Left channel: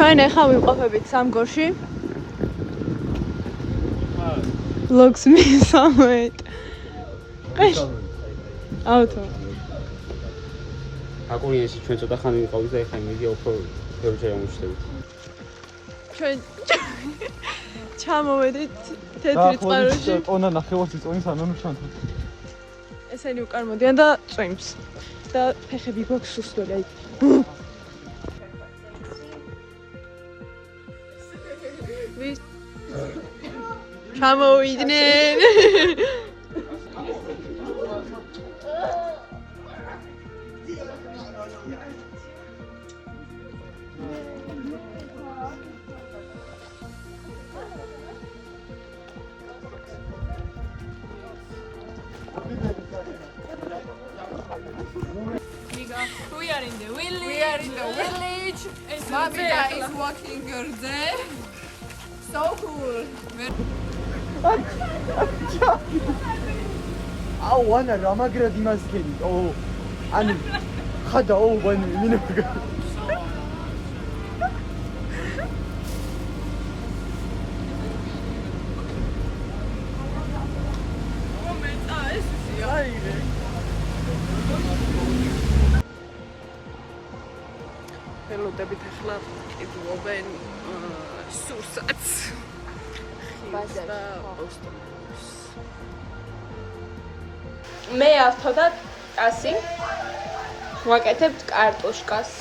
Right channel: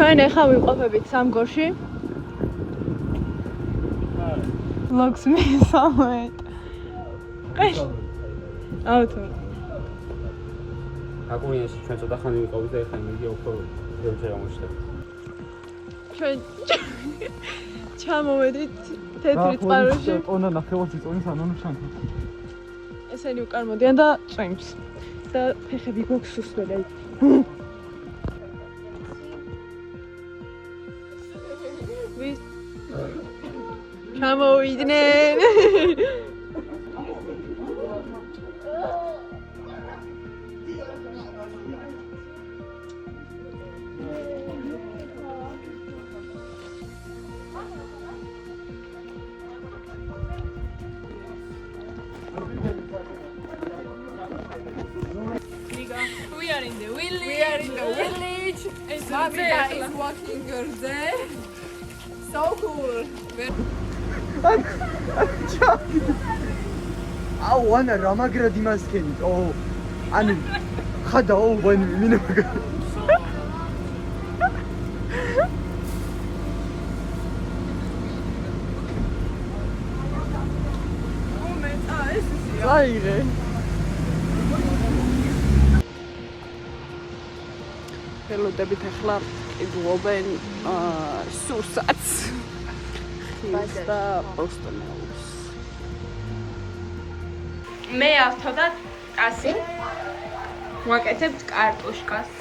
ჩვენ ახლა ვიყოფებით სამგორში. Vlogs მისამეთ. ავთო. აკურიეში ჩვენ ცოტა ხანი ვიყავით და ახლა იმედი უფრო ბევრჯერ ვიმუშავებთ. ჩვენ ჩამოვედით თეთრი წყაროში. ონა ნახევარში წონის ამემშანთ. ესენი უკან მოდიან და წვიმს. და ფეხები გვაქვს სუსტად. ჩამოვიდნენ. We are in the village. Mamita is walking there. So cool. აუ ანა რამაგრად იმასკენი ოჰ ანუ ხადა ოჰ ვენ მინოგა Moment, es ist ja. აირე. ელოდებით ახლა იგლობენ სურსათს. და პოსტომოს. მე ავთოდა ტასი. ვაკეთებთ კარტოშკას.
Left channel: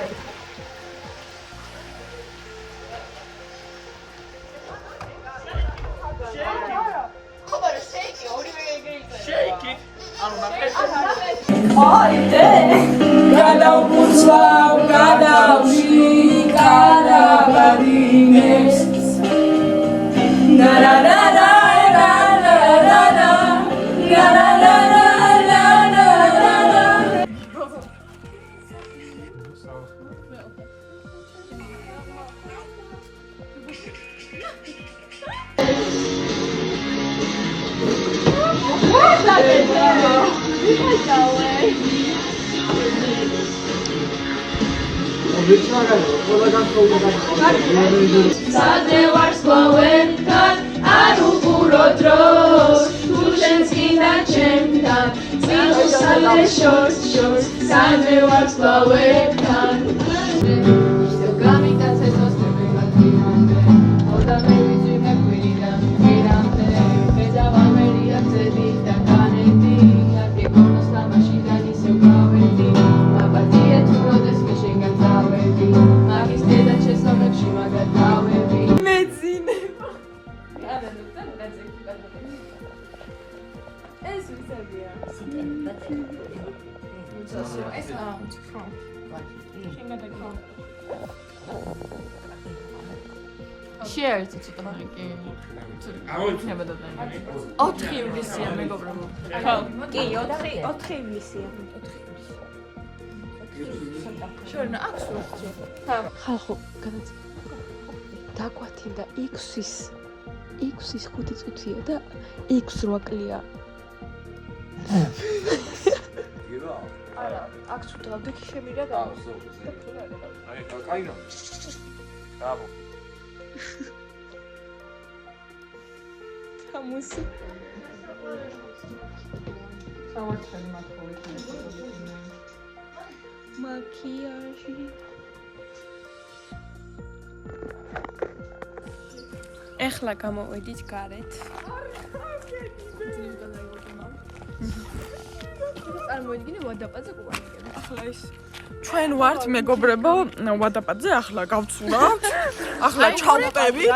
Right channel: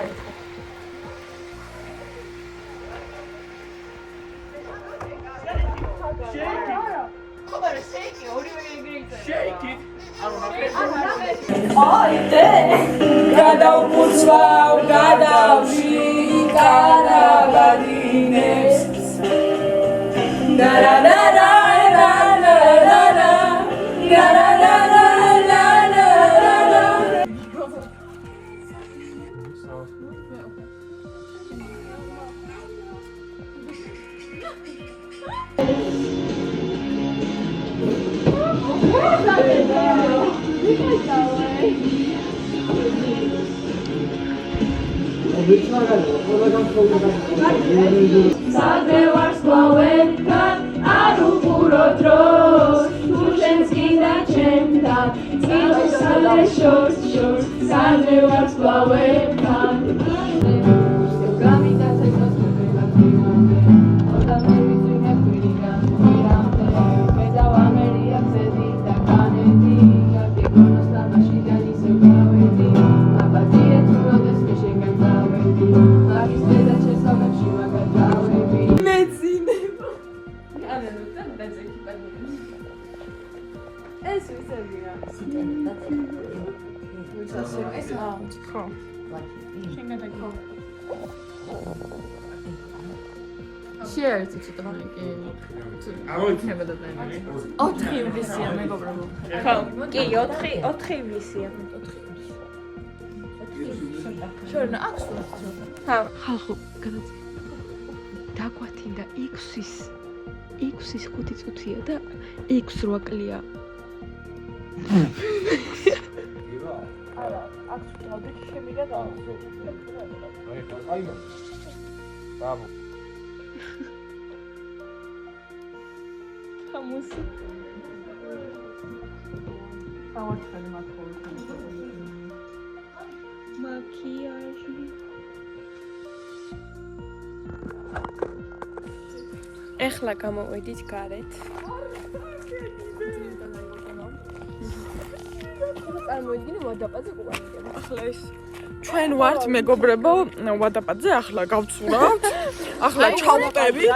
აი. Sadne warsklowetkan, aruguro dros, Ushenskina chemtan, Zino sadne short, sadne warsklowetkan. შეერცი ცოტა მეკი. ოთხი ივლისია მეგობრებო. კი, 4 ივლისია. შორნა აქვს ვარცი. ხალხო, დაგვათინდა X-ის 5 წუთია და X 8 კლია. იგება? აქ ცოტა დიქი შემირა. აი, კაინო. დააბო. თამასი. მაკიაჟი. ეხლა გამოვედით გარეთ. წარმოიდგინე ვადაპაძე ყუბანიდან. ახლა ეს ჩვენ ვართ მეგობრებო ვადაპაძე, ახლა გავცურავთ. ახლა ჩავტევით.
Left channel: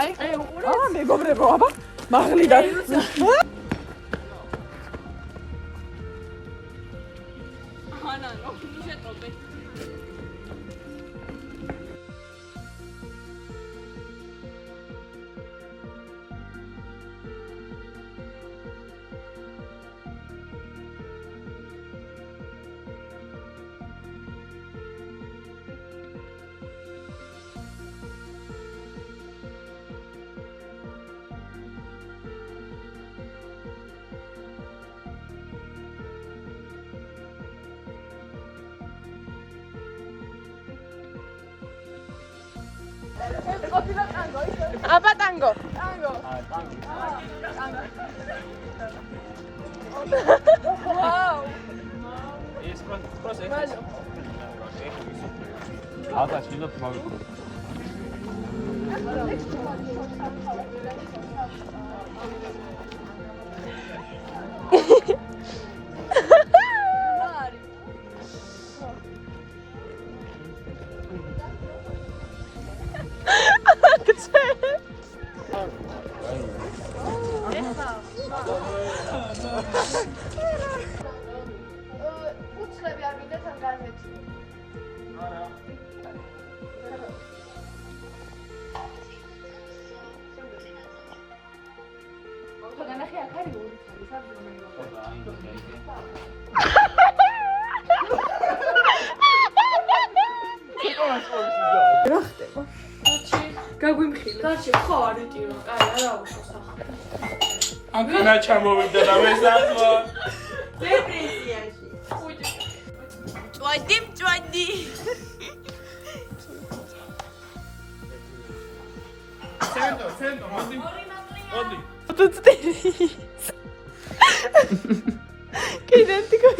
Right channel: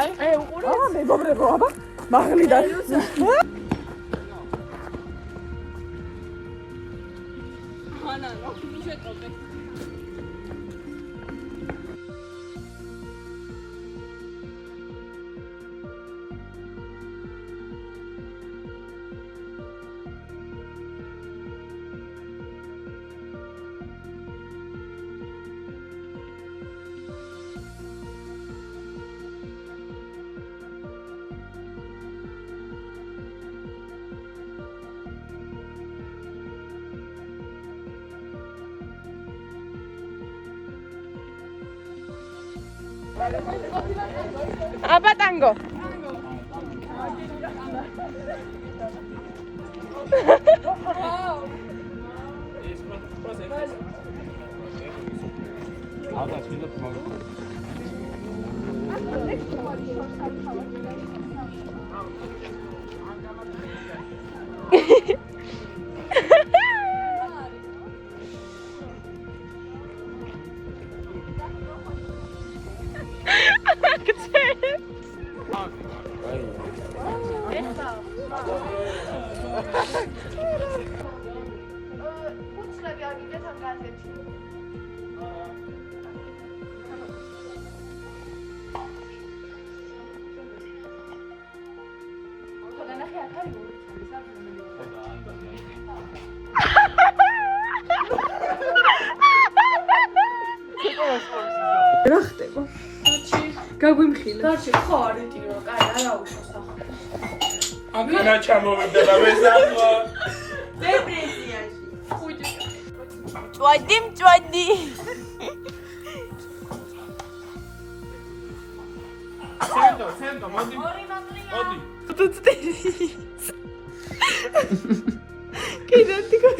აა მეგობრებო, აბა მაღლიდან. ანა, ნო, შეტყობე. აბა ტანგო. აკა შეიძლება მაგ აკანა ჩამოვიდა და მესახლა. მწვადი. სენტო, მოდი. კიდე თქო.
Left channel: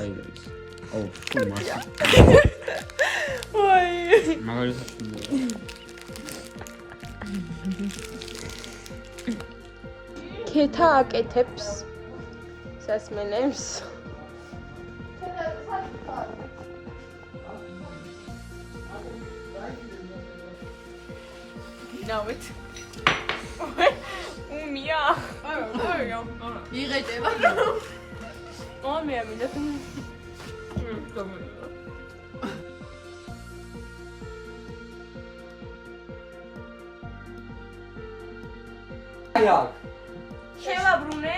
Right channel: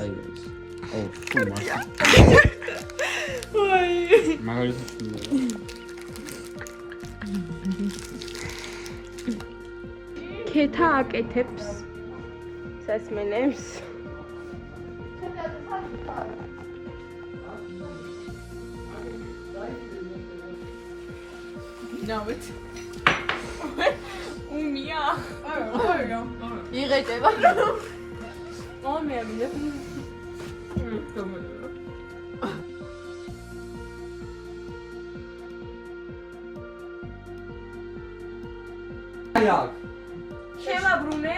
აი ეს. აუ, თუ მას. ვაი. მაგალითად შეიძლება. ქეთა აკეთებს სასმელებს. ნავით. უმია. არა. იღეჭება. ომია მინდა. შევა ბრუნე?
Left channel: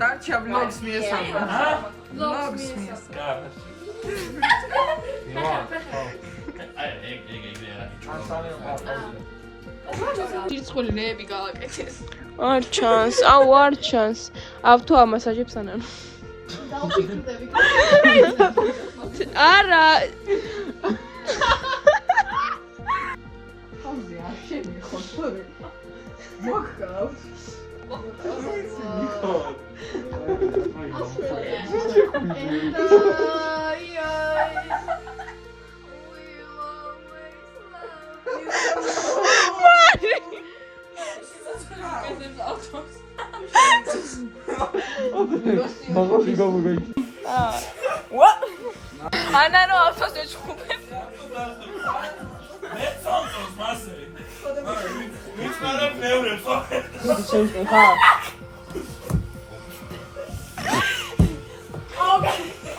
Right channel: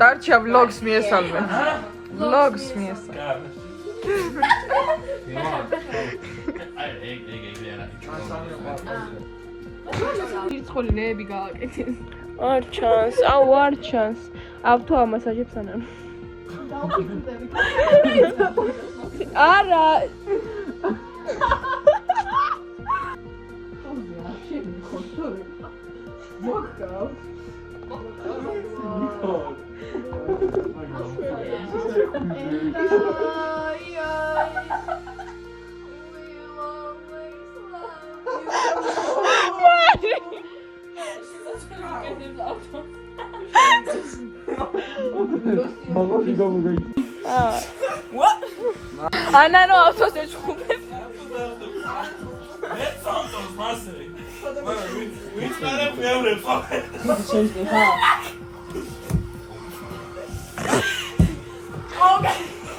დარჩა vlogs მიესალმე. vlogs მიესალმე. ირცხოლინეები გავაკეთეს. არ ჩანს, არ ჩანს. ავთო ამასაჟებს ანან. არა. ანანო ავთოს ეჩხუბე.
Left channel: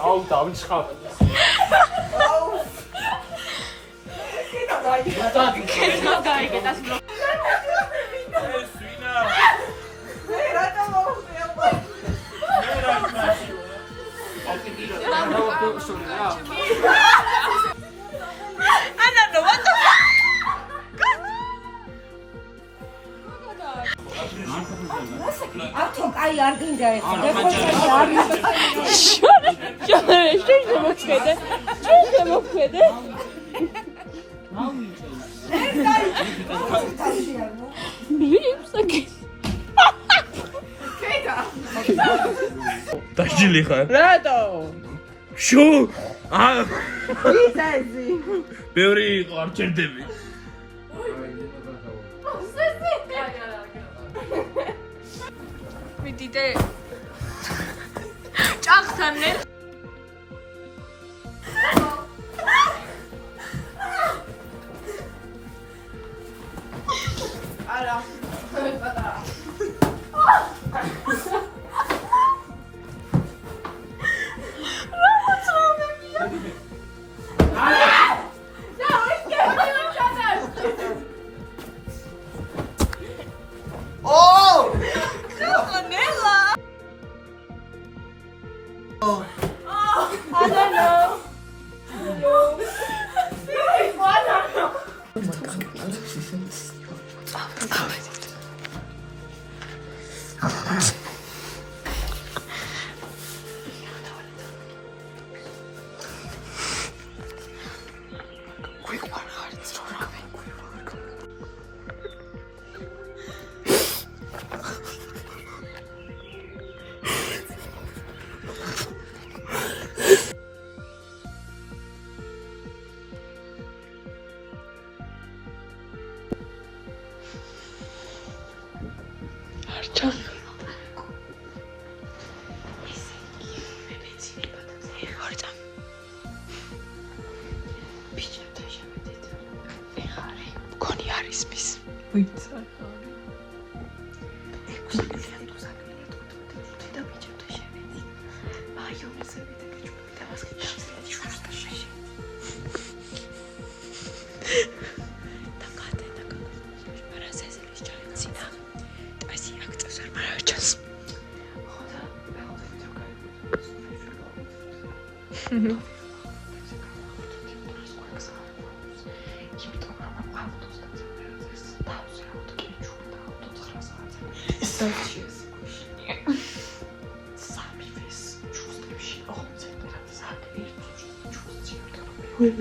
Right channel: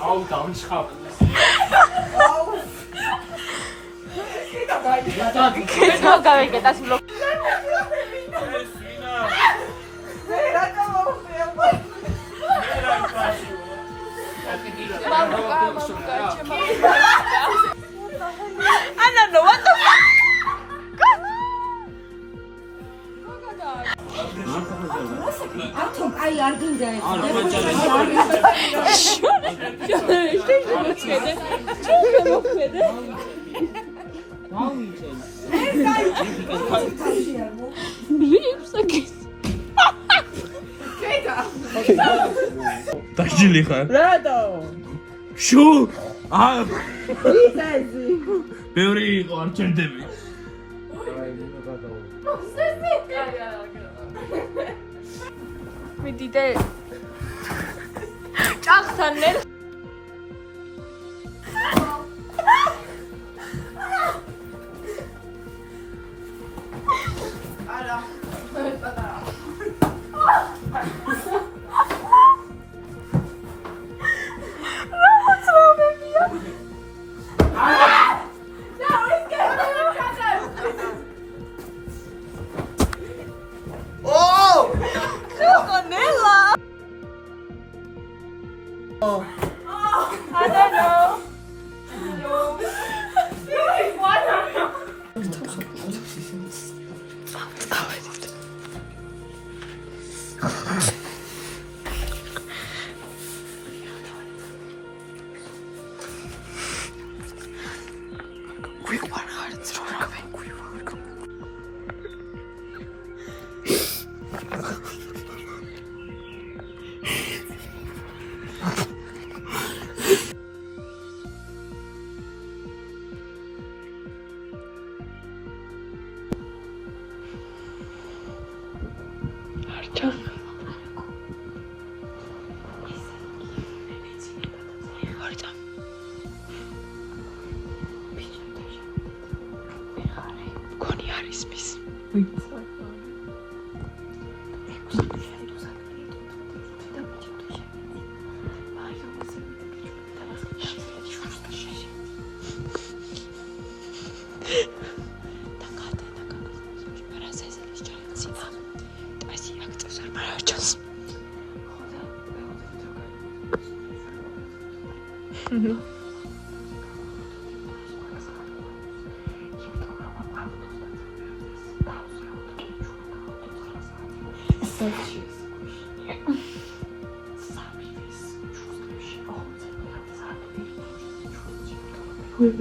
აუ, დამჩხავ. ანანო, what the fuck? ათო კაი არ გინდა ეს. დაჭილი ხარ? რატო? შუ? აა, ისა ეზი. ბევრი იყო, არ ჩერდები. მიდიდე. ჭახთან ნელ.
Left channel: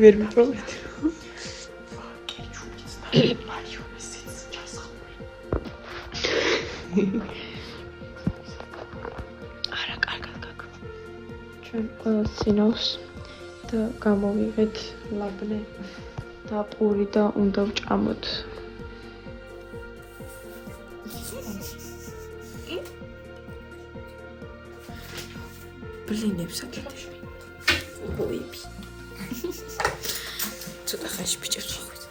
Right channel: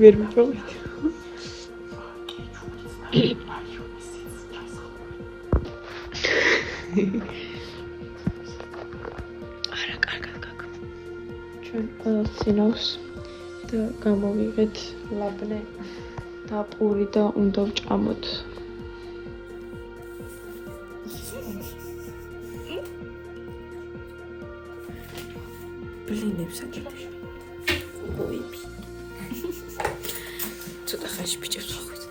ვერ მიპოვეთ. არა, კარგად გაკ. ჩვენ ყველა სინავს და გამოვიღეთ ლაბნე და პური და უნდა ვჭამოთ. ბლინებს აკეთებ. ცოტა ხანში ბიჭებს ვახვით.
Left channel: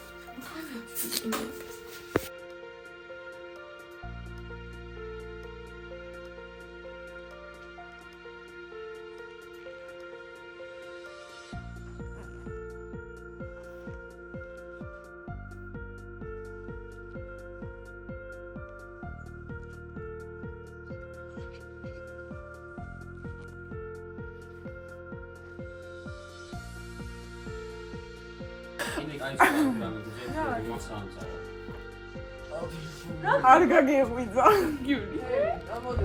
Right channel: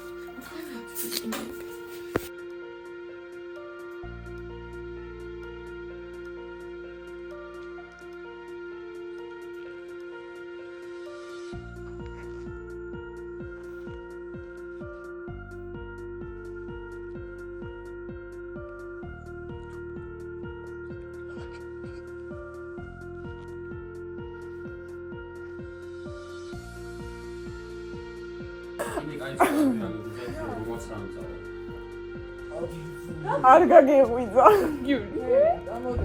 არ გაგეღვიძა გიული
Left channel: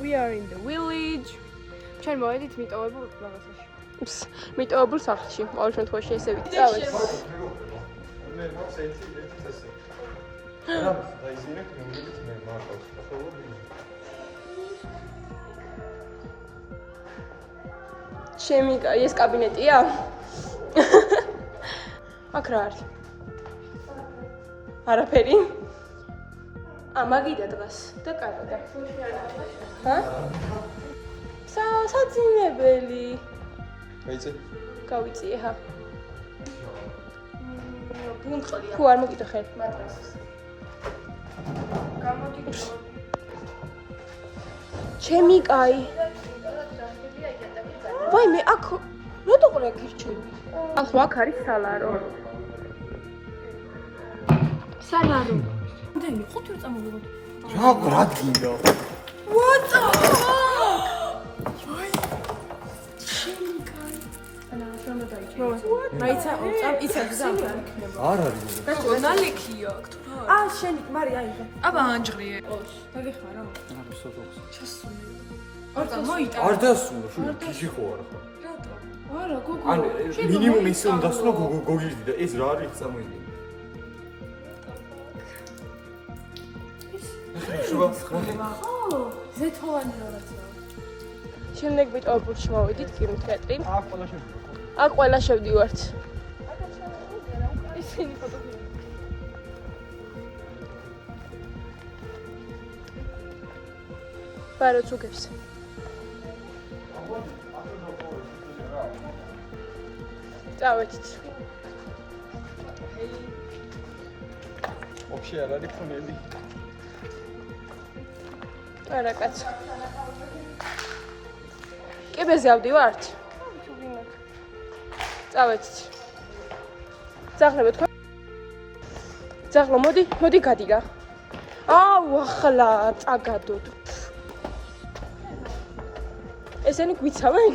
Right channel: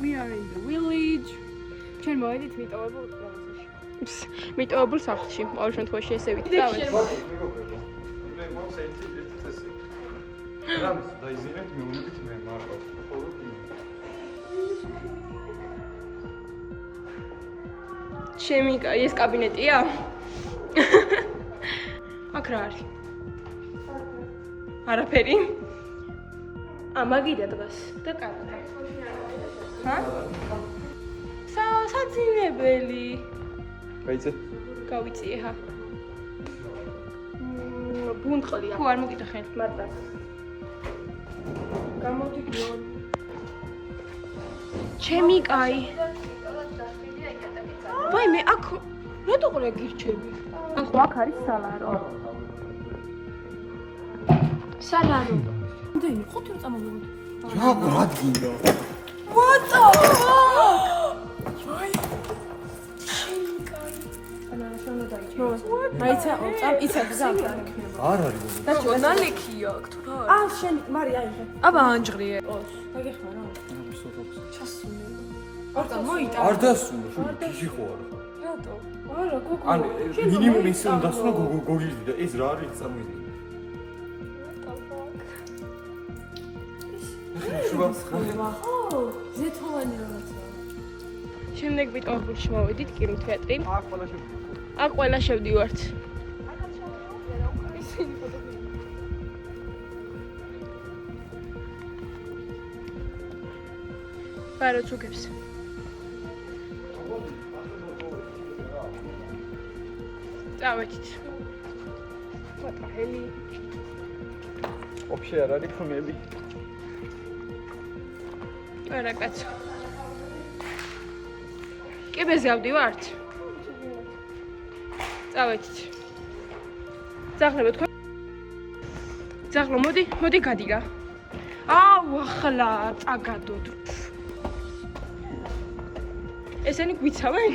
We are in the village. ჩვენ მოვედით მიტოვებულ რაღაცაში. მიტოვებულ სახლში. ყოველ შემთხვევაში ესე ვიტყავთ. ჩემი ეს კაბინეტია? აქ რა არის? არაფერი. მაგიდა დგას და კარგია. ჰა? საძინებელი. გაიცე? გავიწიე ხა. ბუნტყლია. თუ არ მოგიტეხენ მატრასს. გამოდიდიო. ჩემი კაი. ვაი მე აქ რატო ყურე გირჩები? ახლა აქ არის სალარო. სალარო. იმდენი 5 წუთი წამოვიღოთ. რა ბრადგინო. What the fuck? რაიცა წამ იცი ზამთარ იქნება არ არის. ჟურნალიქია აქ თუ რა არის შენი მარი აიღე. აბა ანჯღრიე დაგეხმა რა. არა სოფოქს. ჩასული. ორდა მოიკა. არ დასუნო, შული ფიში ხო არ ხარ. რატო? არა, გოგო. ან მინიმუმ ისე უნდა დასუნო გოგირდი და ეს რა არის წამოიდი. შუბა. ზეთოვანი რაღაცა. შემდეგ მიტოვებულში მოვედით კინოთეატრი. აქ ყველა შევდივართ. ისინი ფოტოები. პაროთ უგებს. წავედით. ყვატაჰელი. Вообще არ არის ხმელი. არა კაცო. კიბეზე ავდივართ? წავედით. ძაღლები თქვა. ძაღლო მოდი გადი რა. აუ ახლა წაგადოთ. ესენი გვიცავენ?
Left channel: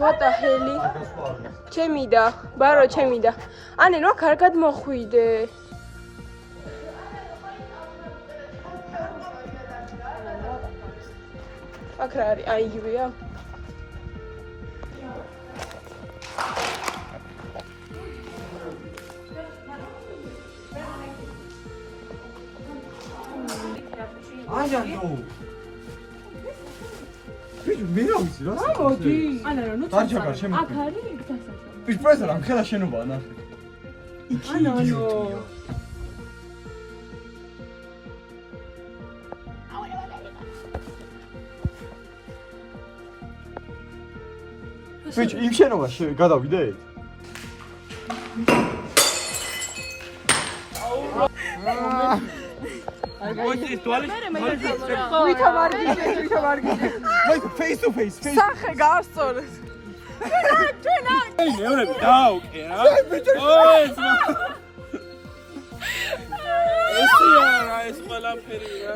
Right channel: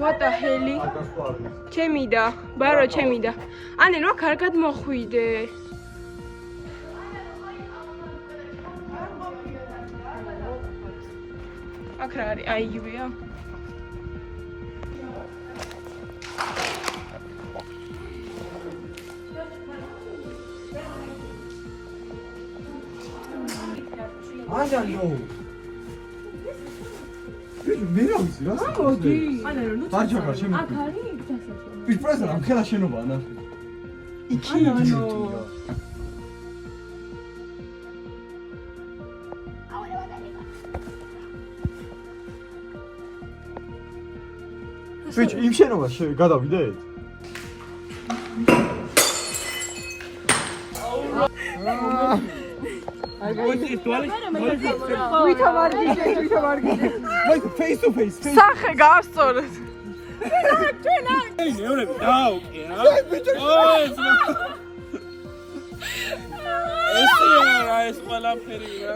What the hell? ჩემი და, ბარო ჩემი და. ანე რა კარგად მოხვიდე. აქ რა არის? აი იგივეა. აჟანო. მე რა ვიცი რა? მოდი. ანა რა ნუ არჩევნა შემო. აქ არის დასასრულო. ვიშ რა მქელა შენობაა ნახე. ანანო. ვიშ იმ შენობაში გადავიდეთ? მოდი თვალის ვითა ვარგიჟე. მაი face to face. სახე გავსწორეთ. მეურები დაუკე რა ეს ყველაფერი რა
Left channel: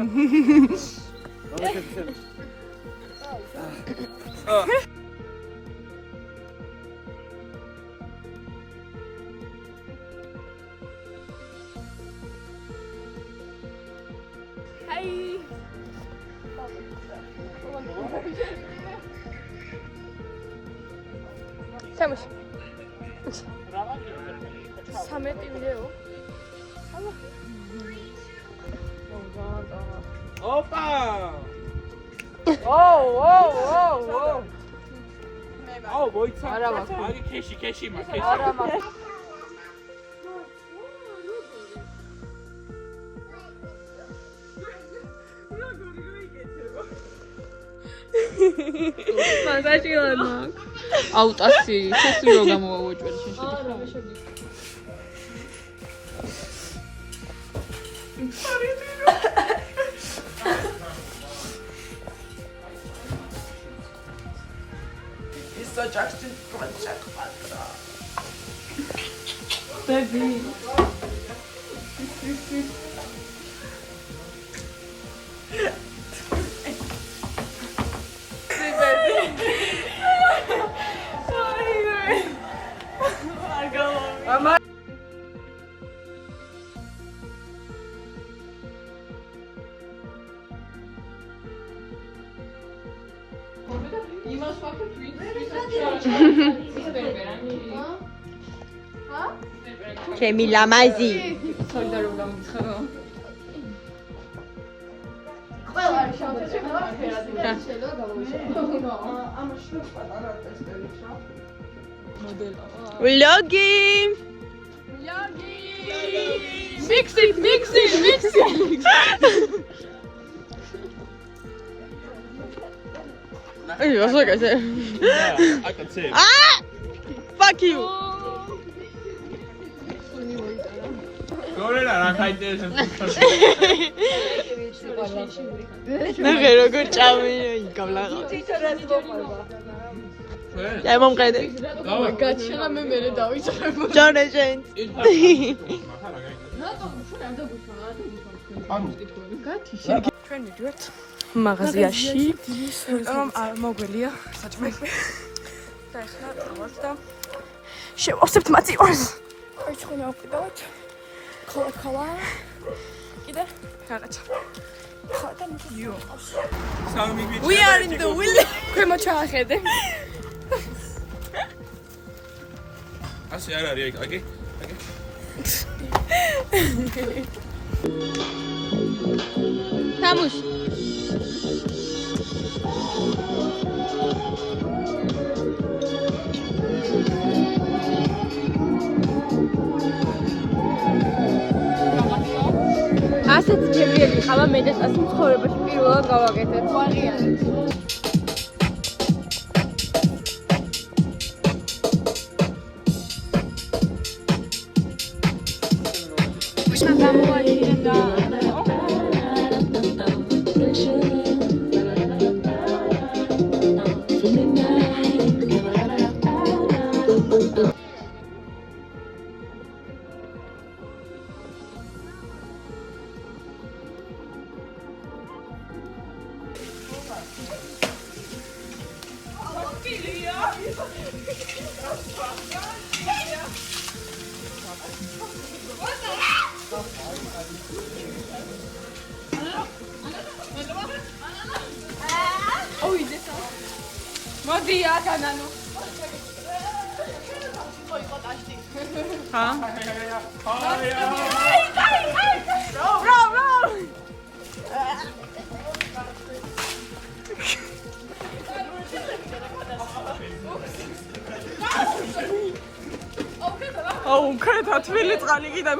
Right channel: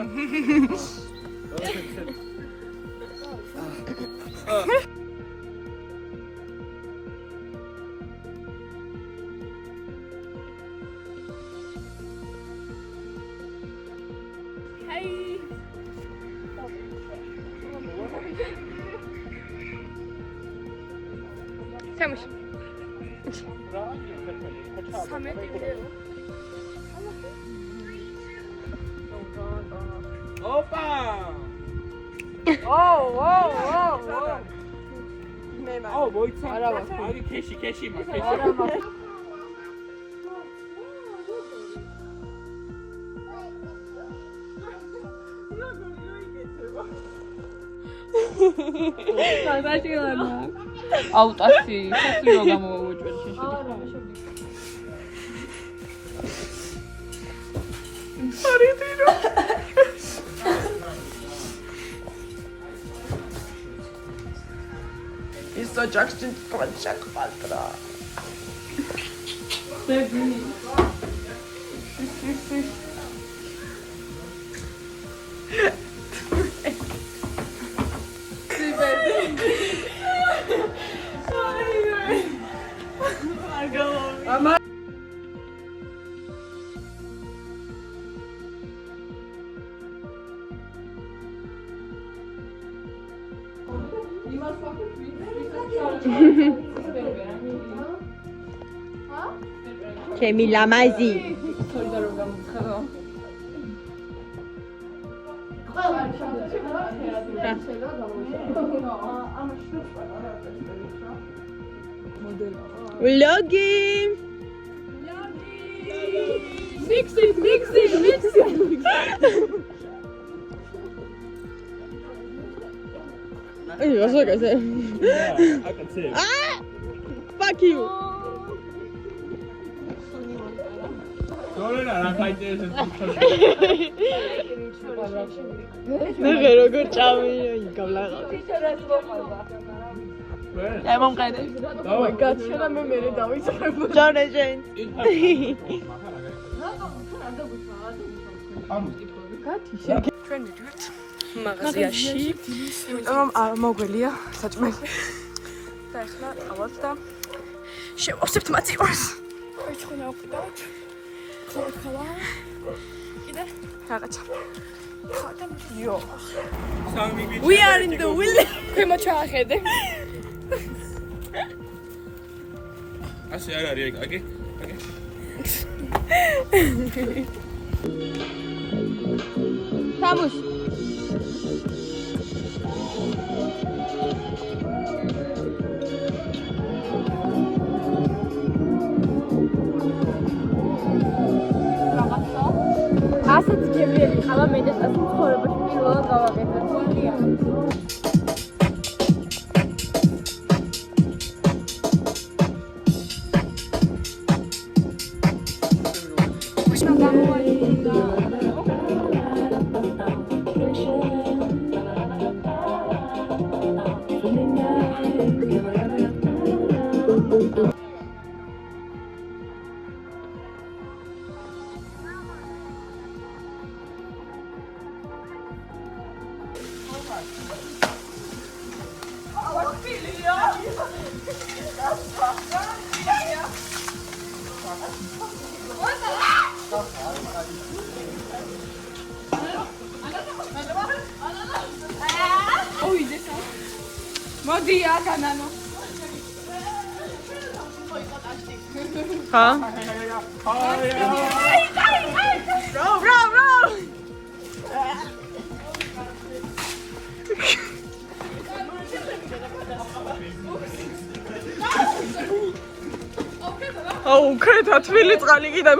სამში. სამეტინდეო. ოპა აუ მოიცა არა ვარ. აი ქეში მაგ არა მაგ. მაგაჭირანა. აუტასი, ხესი რო გამოვაჭერ შეხედე. Isso já que tem que fazer quatro. ჩემი ლამაზი. Vlogi. Mix it. Ay, vas a hacer. I can say Ah! Fuck you. გორელა რა ხაიტერესებს ნახე როგორ ჭამე გავლაღავ. აი მომყედე. Oh my god, შელა მე მერე დავიწყებ. ჯანეჟენ. ჩვენ მიდივართ მაღაზიაში. რომ მოგველია საჭმელი. და ახლა წავალთ და შევავსებთ მაწივარს. ჩვენ ავყიდავთ. Cola. Ide. Რაღაცა. ხათა მიდიო. We are in the village. ქვემო ჩაახედე. ასე არ არის ეგ. Vamos. ასეთ თემები ყავა მე და ასე ცხოვრებაში პირველად გავაკეთე. მოდი აქ ანანო. ხა? აუ, ქეთა თბილი წყალი კიდე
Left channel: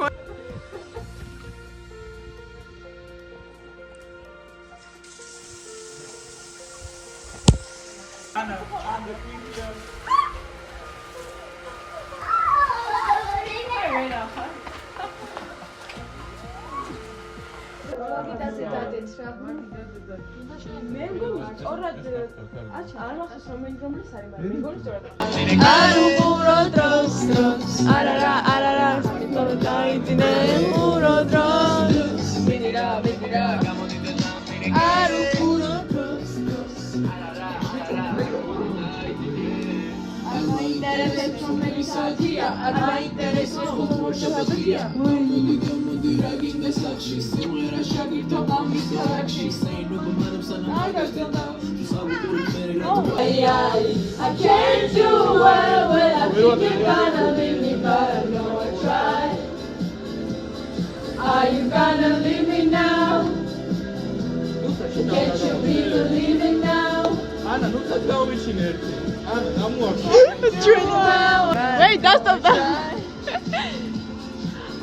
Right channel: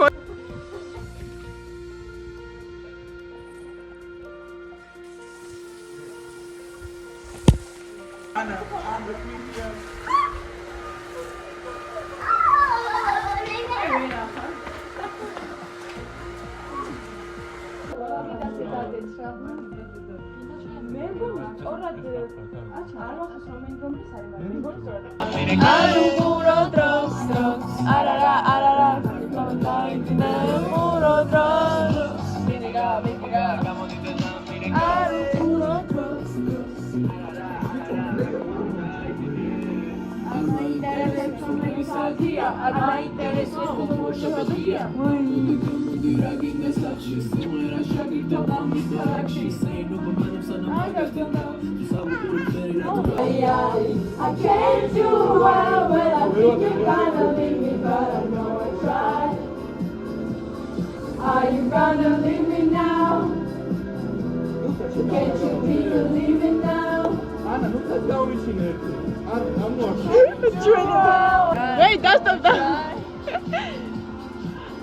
Wait, stop that.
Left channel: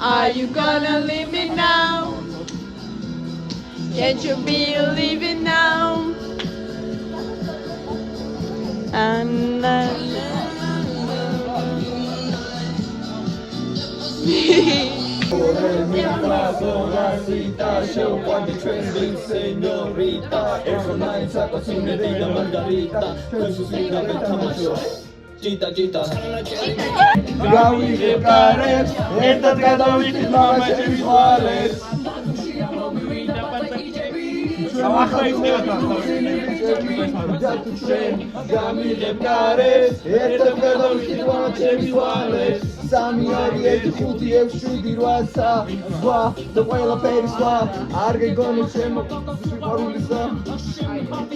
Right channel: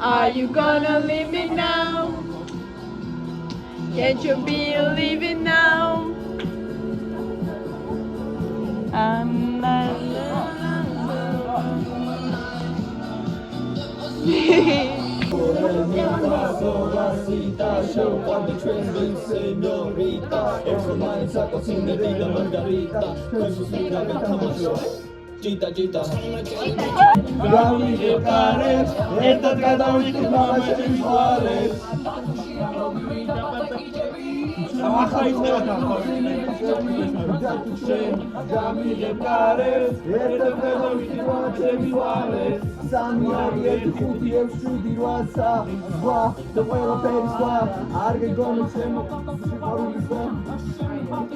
Are you gonna leave me now? Can't you believe it now? Gita, gita. Gavi Cares, estas gadawit mama Chevisuales. Gavi Cares, estas gadawit mama Chevisuales. Samiyari et khuti evshidi rwasa. Wa, the whale of Paris Arge gonu chemo. Siparulisa.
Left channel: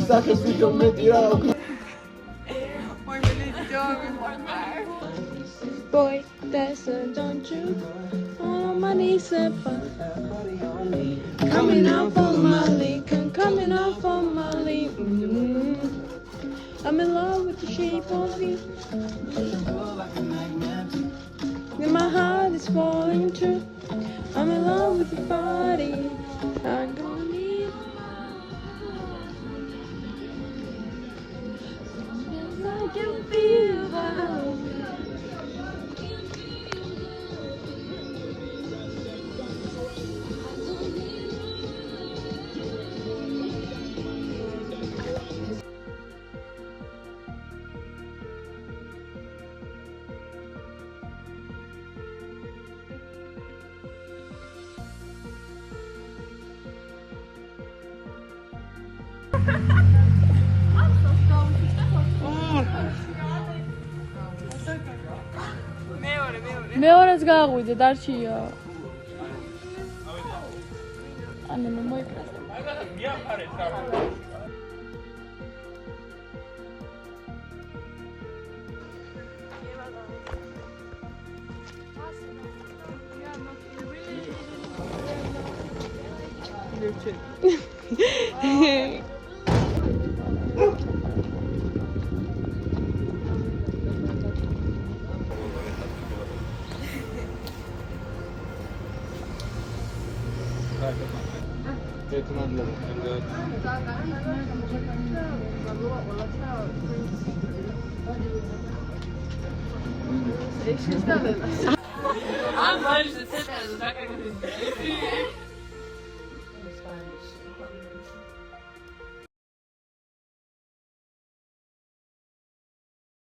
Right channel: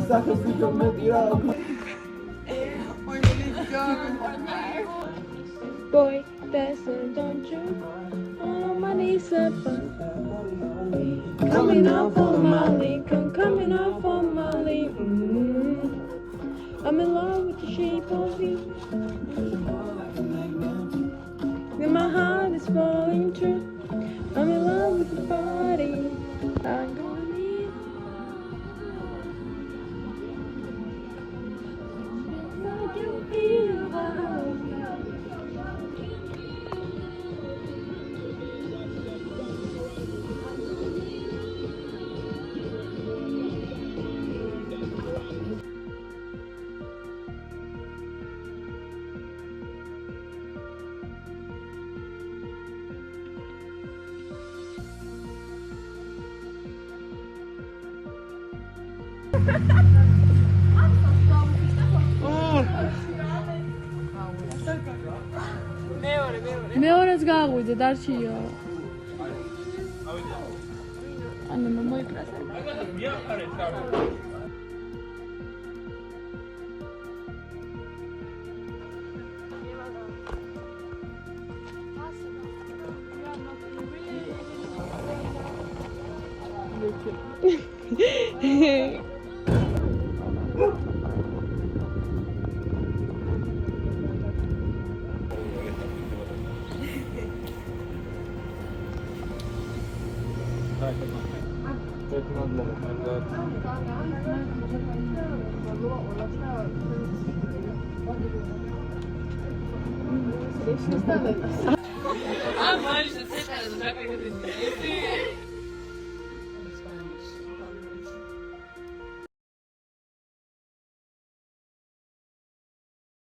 Sakes video metira. Boy, that's a don't you? Oh, money, coming off for Molly, coming off for Molly. I'm in love with the shape of you. And my heart is falling true. I'm in love with your body. I can feel მეორეს გააღვიდე დარჩია. ანუ მომოიტრა.